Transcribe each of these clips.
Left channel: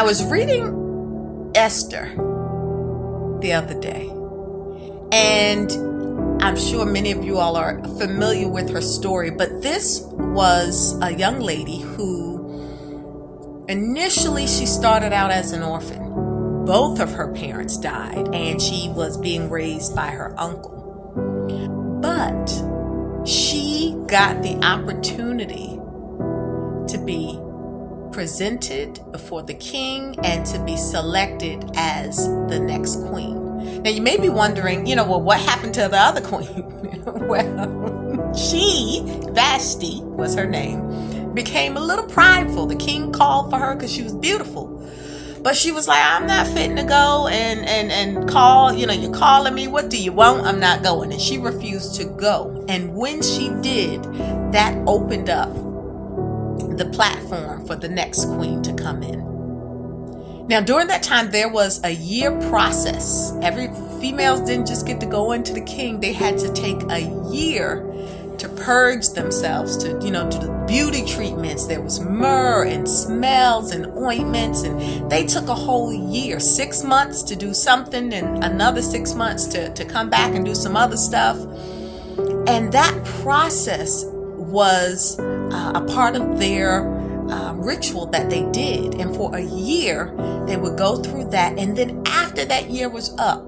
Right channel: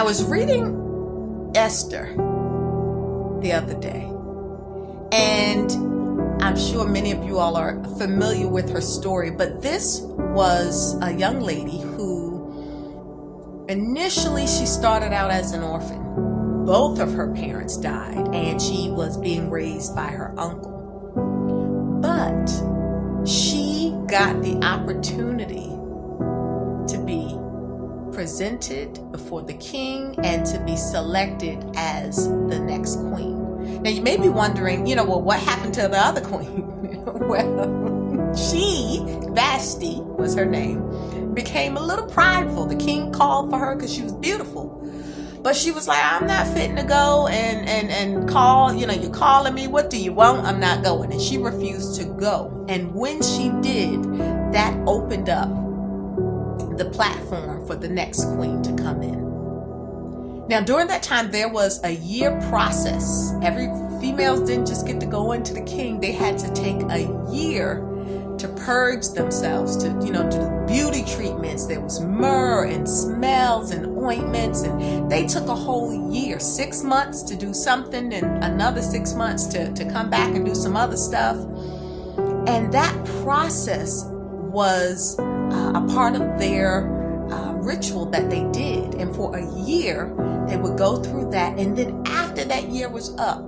I was reading Esther the other day, and I'm sure many of you all are familiar with her story, but this was a young lady who initially she started out as an orphan. Both of her parents died, and she was being raised by her uncle. But she got the opportunity to be presented before the king and to be selected as the next queen. Now you may be wondering, well, what happened to the other queen? Well, she, Vashti was her name, became a little prideful. The king called for her because she was beautiful. But she was like, I'm not fitting to go and call, you're calling me. What do you want? I'm not going. And she refused to go. And when she did, that opened up the platform for the next queen to come in. Now, during that time, there was a year process. Females didn't just get to go into the king. They had to take a year to purge themselves, to do the beauty treatments. There was myrrh and smells and ointments, and they took a whole year, 6 months to do something and another 6 months to come back and do some other stuff. And that process was a part of their ritual that they did. And for a year, they would go through that. And then after that year was up,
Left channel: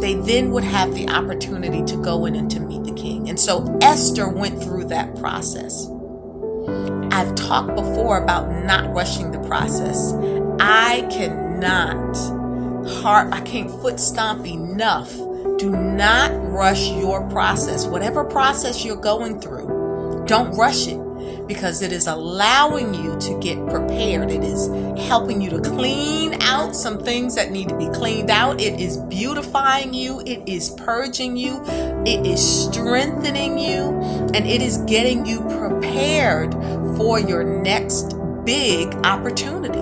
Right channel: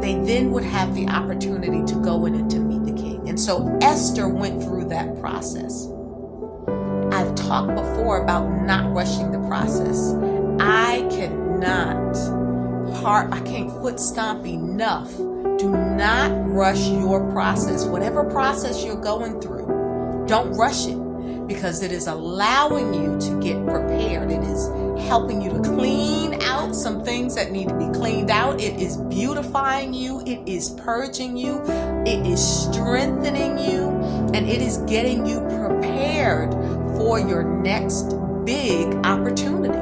they then would have the opportunity to go in and to meet the king. And so Esther went through that process. I've talked before about not rushing the process. I can't foot stomp enough. Do not rush your process. Whatever process you're going through, don't rush it, because it is allowing you to get prepared. It is helping you to clean out some things that need to be cleaned out. It is beautifying you. It is purging you. It is strengthening you. And it is getting you prepared for your next big opportunity.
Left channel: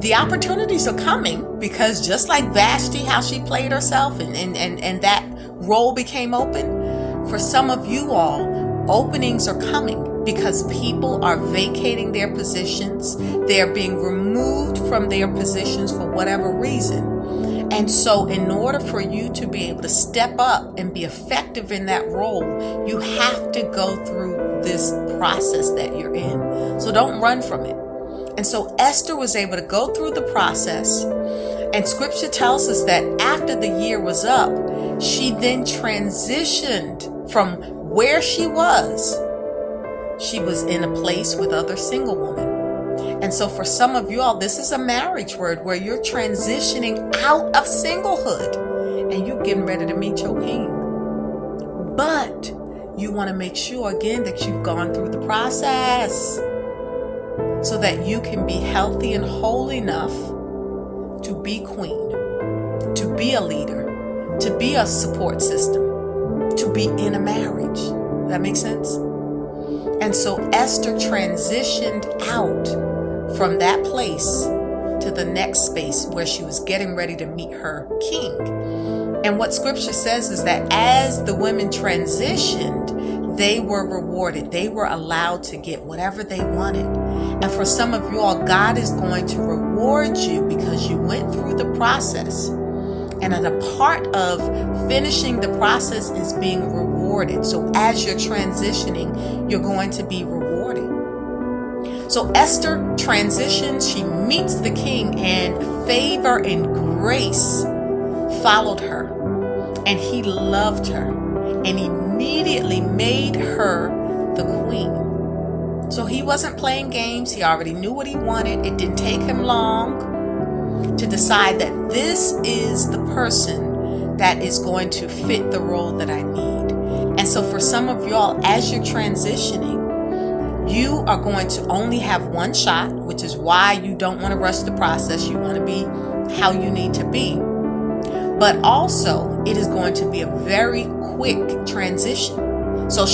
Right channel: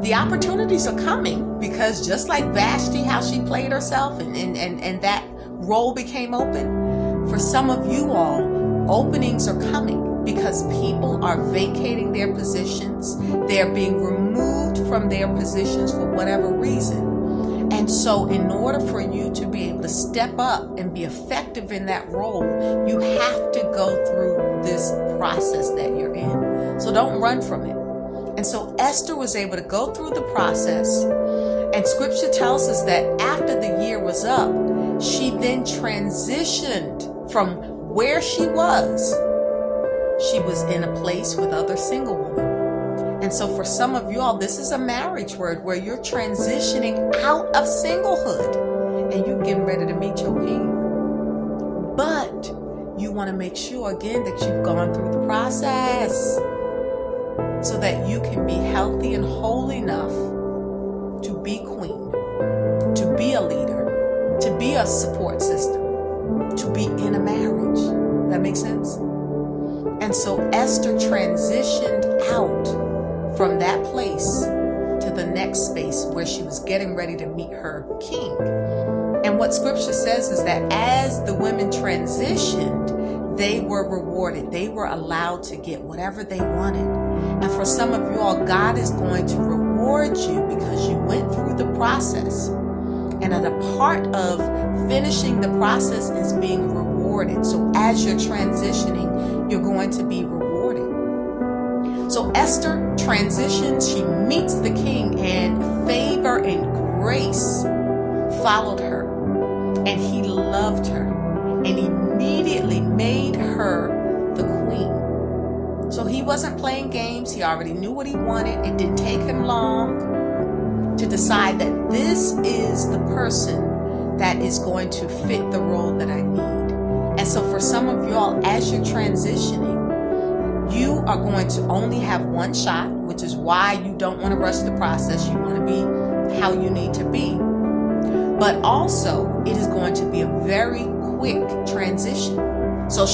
The opportunities are coming because just like Vashti, how she played herself and that role became open, for some of you all, openings are coming because people are vacating their positions. They're being removed from their positions for whatever reason. And so in order for you to be able to step up and be effective in that role, you have to go through this process that you're in. So don't run from it. And so Esther was able to go through the process. And scripture tells us that after the year was up, she then transitioned from where she was in a place with other single women. And so for some of you all, this is a marriage word where you're transitioning out of singlehood and you're getting ready to meet your king. But you want to make sure again that you've gone through the process so that you can be healthy and whole enough to be queen, to be a leader, to be a support system, to be in a marriage. Does that make sense? And so Esther transitioned out from that place to the next space where she was getting ready to meet her king. And what scripture says is that as the women transitioned, they were rewarded. They were allowed to get whatever they wanted. And for some of you all, God is going to reward you because you went through the process. And a part of finishing the process is being rewarded. So as you're transitioning, you're going to be rewarded. So Esther transitions, she meets the king, and favor and grace followed her. And he loved her and immediately made her the queen. So he wasn't playing games. He already knew what he wanted. It didn't take him long to decide that this is the person that is going to fit the role that I need. And so for some of y'all, as you're transitioning, you are going to only have one shot, which is why you don't want to rush the process. You want to be how you need to be. But also, it is going to be a very quick transition. So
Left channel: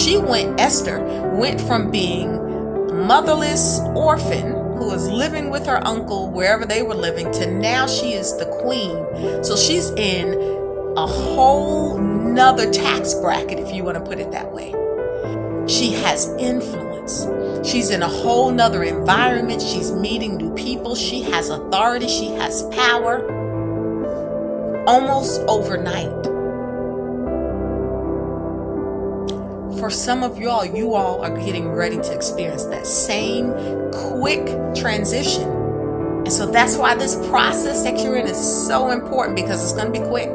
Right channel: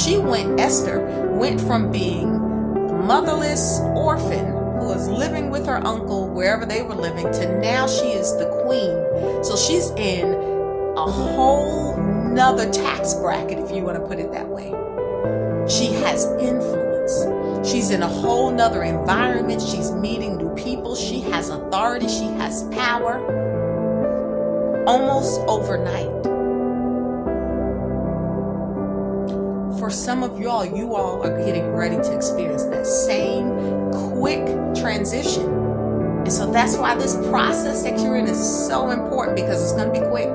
Esther went from being a motherless orphan who was living with her uncle wherever they were living to now she is the queen. So she's in a whole nother tax bracket, if you want to put it that way. She has influence. influence. She's in a whole nother environment. She's meeting new people. She has authority. She has power. Almost overnight. For some of y'all, you all are getting ready to experience that same quick transition. And so that's why this process that you're in is so important, because it's going to be quick.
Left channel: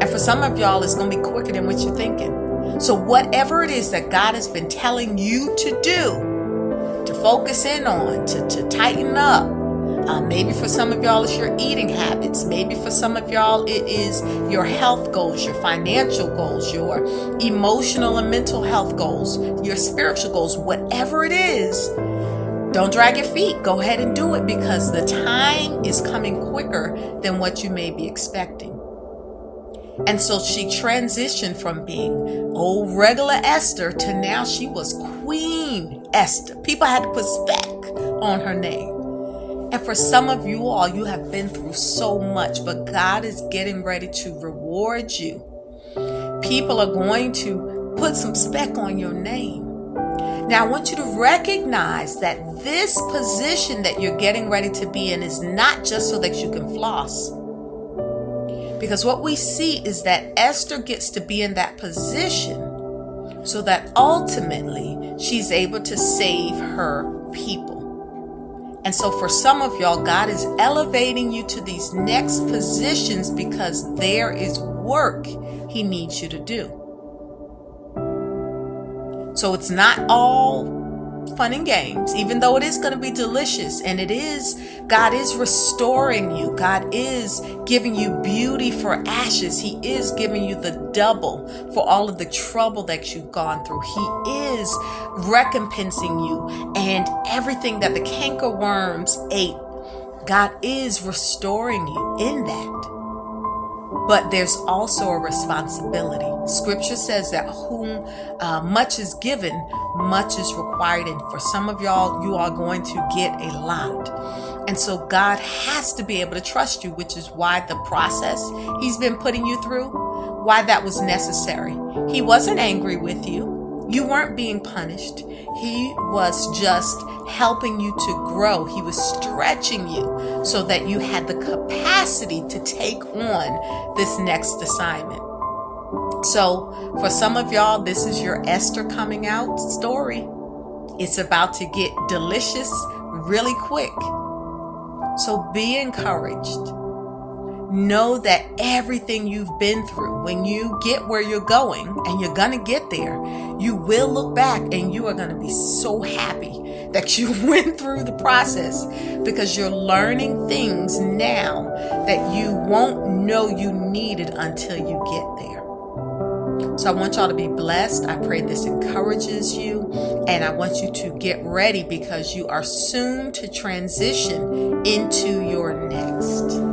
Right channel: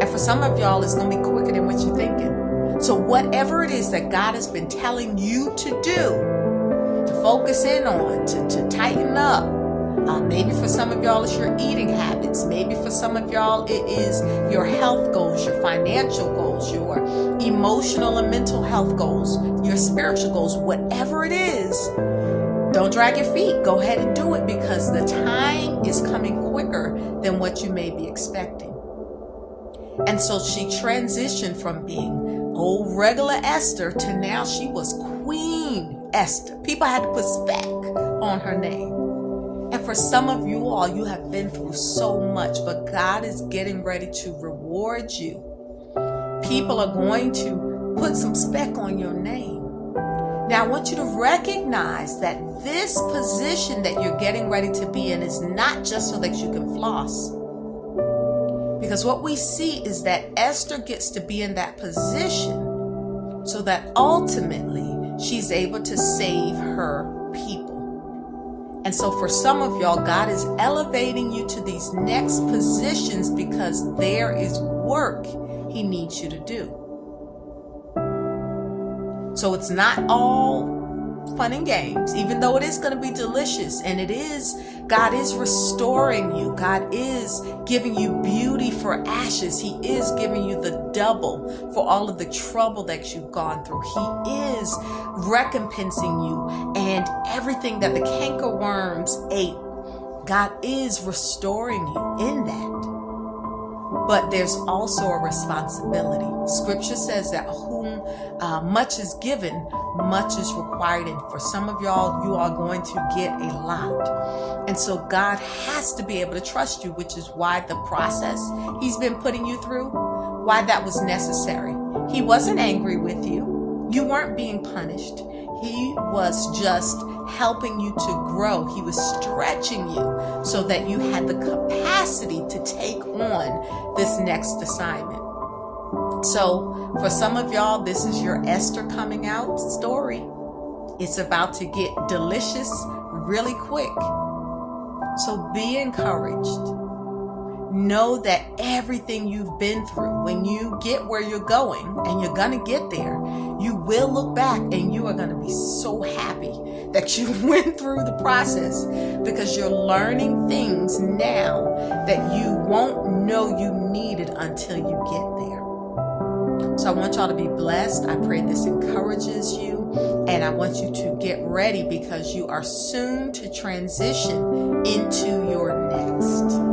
And for some of y'all, it's going to be quicker than what you're thinking. So whatever it is that God has been telling you to do, to focus in on, to tighten up. Maybe for some of y'all, it's your eating habits. Maybe for some of y'all, it is your health goals, your financial goals, your emotional and mental health goals, your spiritual goals, whatever it is. Don't drag your feet. Go ahead and do it, because the time is coming quicker than what you may be expecting. And so she transitioned from being old regular Esther to now she was Queen Esther. People had to put spec on her name. And for some of you all, you have been through so much, but God is getting ready to reward you. People are going to put some spec on your name. Now, I want you to recognize that this position that you're getting ready to be in is not just so that you can floss. Because what we see is that Esther gets to be in that position so that ultimately she's able to save her people. And so for some of y'all, God is elevating you to these next positions because there is work He needs you to do. So it's not all fun and games, even though it is going to be delicious, and God is restoring you. God is giving you beauty for ashes. He is giving you the double for all of the trouble that you've gone through. He is recompensing you, and everything that the cankerworms ate, God is restoring you in that. But there's also a responsibility. Scripture says that whom much is given, much is required. And for some of y'all, you are going to get a lot. And so God has to be able to trust you, which is why the process He's been putting you through, why that was necessary. He wasn't angry with you. You weren't being punished. He was just helping you to grow. He was stretching you so that you had the capacity to take on this next assignment. So for some of y'all, this is your Esther coming out story. It's about to get delicious really quick. So be encouraged. Know that everything you've been through, when you get where you're going, and you're going to get there, you will look back and you are going to be so happy that you went through the process, because you're learning things now that you won't know you needed until you get there. So I want y'all to be blessed. I pray this encourages you, and I want you to get ready, because you are soon to transition into your next.